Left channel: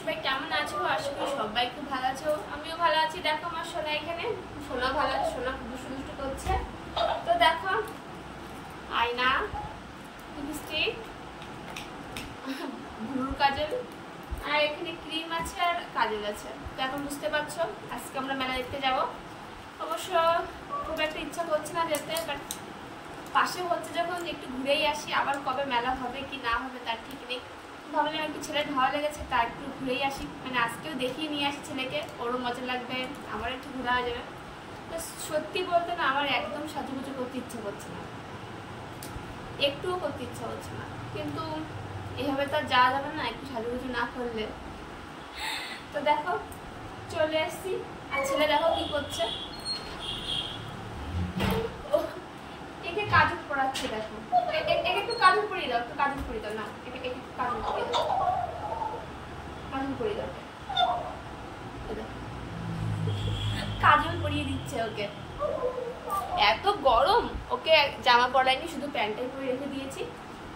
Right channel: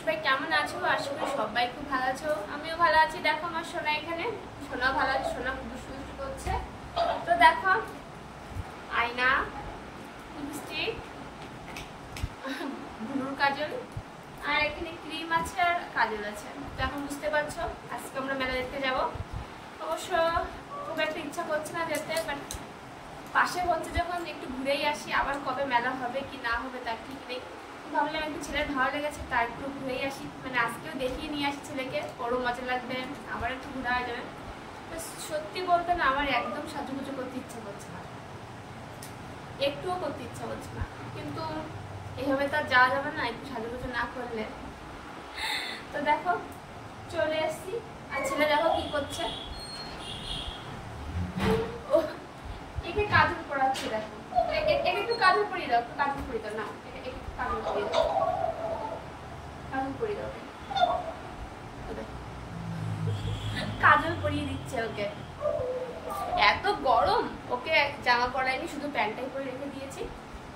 সবাই কেমন আছো? আশা করি সবাই খুব ভালো আছো, আমিও ভালো আছি। দেখো আমার সোনা এখানে, সোনা ভালো আছে, সোনা খুব দুষ্টু দুষ্টু করছে। তো দেখো আয়না, লিপস্টিক, ব্লুর কাজল, আর এখানে ক্রিম আছে আর কাজল আছে। তো এখন বুঝতে পারছো আজকে আমরা মেলা দেখতে যাব। অবশ্য খুব একটা ইচ্ছা করছে না যেতে, বাট পাশে হচ্ছে যখন একটু ঘুরেই আসি। আবার কবে মেলা হবে কি না হবে তার ঠিক নেই। ভাবলাম একটু ছেলের ভালো লেগেছে তা একটু ঘুরেই আসি, মানে আজকেও দেখিয়ে নিয়ে আসি ছেলেকে, ওরও মজা লাগবে, আমারও একটু ঘোরা হয়ে যাবে। তো সত্যি বলতে না আমার একদম সাজুগুজু করতে ইচ্ছা করছে না, একটুও করতে ইচ্ছা করছে না, কিন্তু এভাবে তো আর যাওয়া যাবে না একটু সাজুগুজু না করলে। তো দেখো চলে এসছি, আর ছেলে দেখো কি করছে, একে কাজল পড়াচ্ছে। দেখো একে একটু কাজল পরিয়ে দাও, একটু কাজল পরিয়ে দাও, না একে কাজল পরিয়ে দাও, কাজল পরিয়ে দাও, কাজল পরিয়ে দিচ্ছে ওকে। এত গরম ওকে জামা পরাইনি, শুধু প্যান্টটাই পরে রেখে দিয়েছি।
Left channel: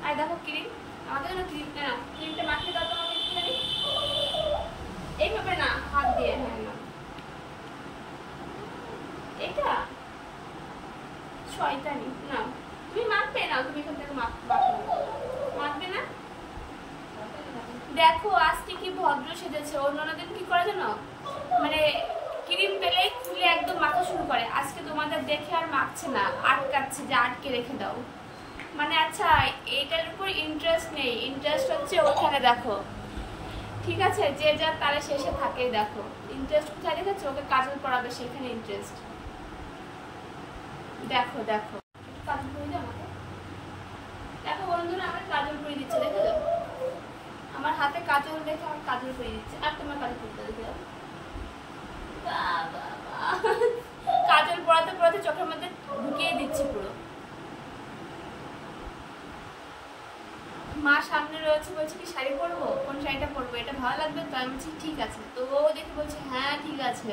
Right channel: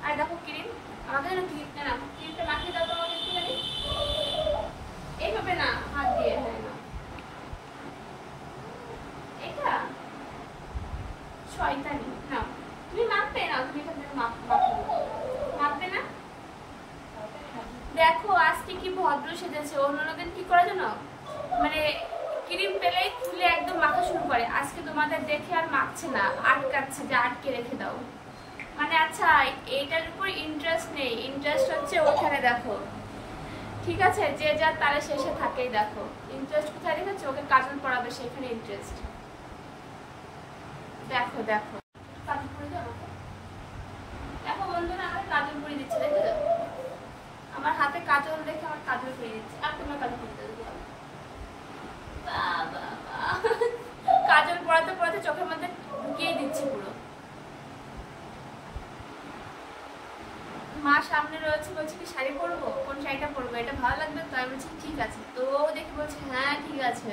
আর দেখো ক্রিম, আমাকে যেন ক্রিম না, ক্রিমটা মাখিয়ে দাও তো আমাকে একটুখানি, এইভাবে না হাত দিয়ে, হ্যাঁ না এটা শয়তানি না, তুমি মাখবে না, তুমি এখান থেকে মাখবে না। দেখো আজকে কি ভদ্র সেজেছে, অন্যদিন কি করে জানো, মানে ক্রিম পেলেই খুলে একদম মাখা শুরু করে। আজকে তোমাদের দেখে আর মাখছে না, আটকাচ্ছে যে আটকে রেখে দাও। মানে আচ্ছা এইটার উপর ইন্টারেস্ট নেই, ইন্টারেস্ট হচ্ছে ওখানে। দেখো ঠিক আছে, যে যার তারে শেষে থাকেই। দেখো ইন্টারেস্ট কোথায় দেখেছো, ওকে কাজল পড়াবে সেখানে ইন্টারেস্ট। দেখো দেখো কাজল পরিয়ে দাও আমাকে। দেখো বন্ধুরা আমাকে কাজল পরিয়ে দিচ্ছে, দেখে দাও আমার হাতে কাজল দেখে আমার কাজল পরিয়ে দিচ্ছে। আর তোমার কাজল পরিয়ে দাও, দেখে দাও। কাজল পড়াতে পড়াতে চোখের মধ্যে ঢুকিয়ে দিচ্ছে পুরো। মা সামনে রয়েছে, বলছে কি শাড়ি পরবো, কোন শাড়িটা পরবো, এটা ভালো লাগবে তো? আমি বলছি ঠিক আছে। তো ও দেখে বলছে হ্যাঁ ঠিক আছে।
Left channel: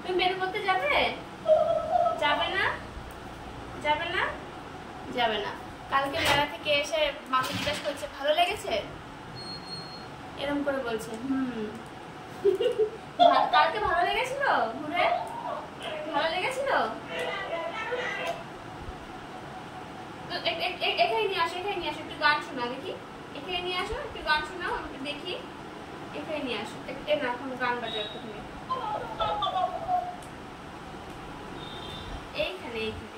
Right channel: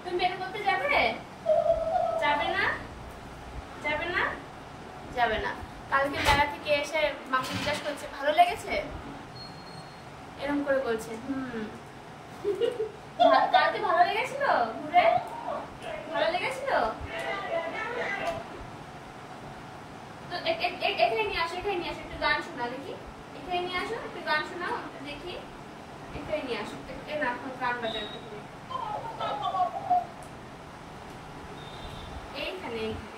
তুমি বের করতে যাবে? যাবে না? যাবে না? যাবে না। কালকে মেলা থেকে এসে মাকে জিজ্ঞাসা করছে ভালো লেগেছে, এরকম করে বলছে কালকে ভালো লেগেছিল, ঘুরে ভালো লেগেছিল। তো এখানে নিয়ে আসো, এখানে নিয়ে আসো, একটু গান শোনা দেখি। এখানে নিয়ে আসো, একটু গান শোনাও আমাকে দেখি। এখানে নিয়ে আসো, না এখন গান বাজাও একটুখানি। এইখানে এইখানে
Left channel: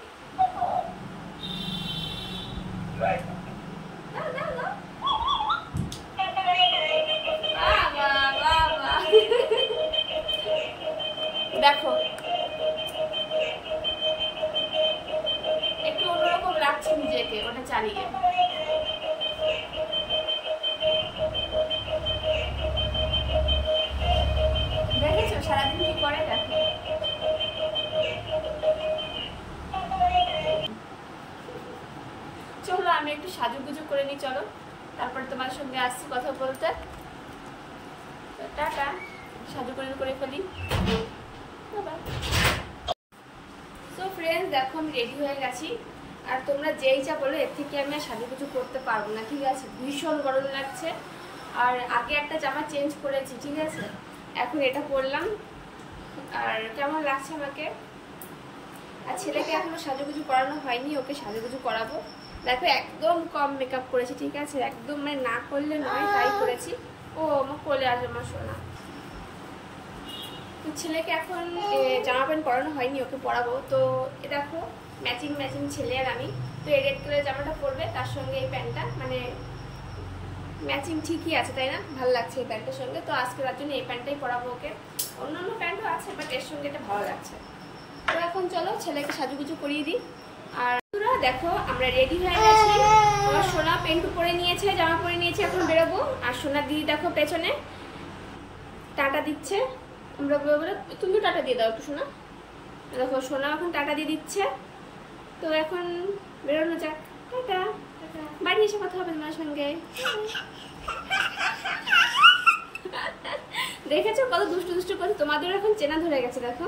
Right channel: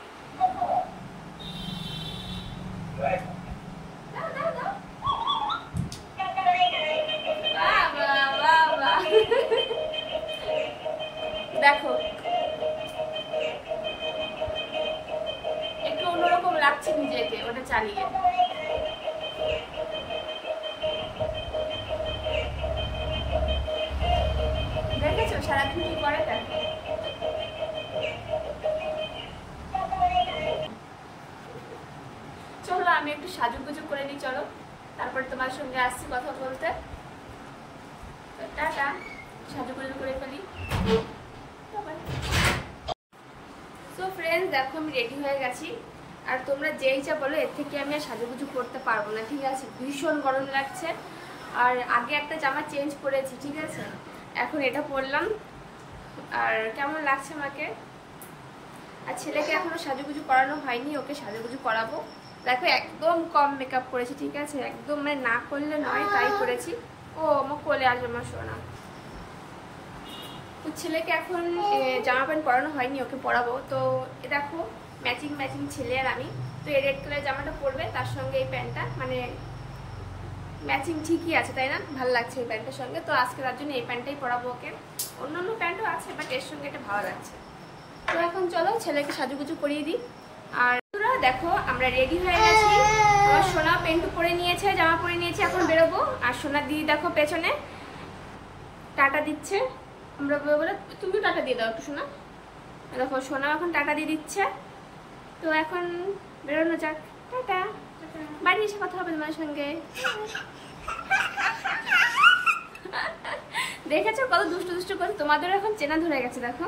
দাও দাও দাও। দেখো একটু অন্যরকম লাগছে নিজেকে ওটা চালিয়ে। দেখেছো সারাদিন কি করে? দেখো চলো আমি একটু সাজুগুজু করে নিই, চলো তারপরে তোমার সঙ্গে আসছি কথা বলতে। টাটা, সাজুগুজু করে ফেলি, বাই। তো ফ্রেন্ডস দেখো আমি রেডি হয়ে গেছি, আর তোমরা যেই যা বলো এর থেকে আমি আর সাজুগুজু করতে পারবো না, ঠিক আছে? ভীষণ গরম লাগছে। আর আগে একটা জামা চেঞ্জ করেছি, ঠিক আছে, এখন এটা পরলাম। আর কেমন লাগছে আমাকে? আর ছেলেকে এখনো সাজুগুজু করানো হয়নি, ওকে সাজুগুজু করাবো। দেখো একদম কম মেকআপ করেছি, ঠিক আছে, একদম মানে না করলে নয় তাই করেছি। ও আমার কোলে আসবে আমার সোনা। তো ছেলেকে এখন জামা প্যান্ট পরানো হয়নি, ওকে পরাবো। তো দেখো ম্যাচিং ম্যাচিং ছেলে আর আমি। তো এই রেড কালার জামাটা পরবে, তার সঙ্গে এই প্যান্টটা, মানে ম্যাচিং ঠিকই আছে তাই না? ভালো লাগছে এই প্যান্টের সঙ্গে। তো আজকে তার জন্য এই প্যান্টটাই পরাবো ওকে। অন্যান্য প্যান্টও আছে বাট এর সঙ্গে এটা ভালো লাগছে। তো এখন চলো ছেলেকে সাজুগুজু করিয়ে দিই। আর দেখো আমরা রেডি হয়ে গেছি, আমার সোনা প্যান্ট পরে নিয়েছে, জামা পরে নিয়েছে, এখন বেরোবো। আর সোনা দিদি দেখো পেছনে টাটা দিচ্ছে, আমরা বলে তুমি টাটা দিয়ে দাও একটু সোনা। দেখো সোনা এখন টাটা দিয়ে দিচ্ছে। তো এখন বেরোনো যাক, টাটা। বাড়ি এসে কথা হবে তোমার সঙ্গে। দেখেছো কত দুষ্টু দুষ্টু করছে, তোমাদেরও এখন চেনা ধরে গেছে। দেখো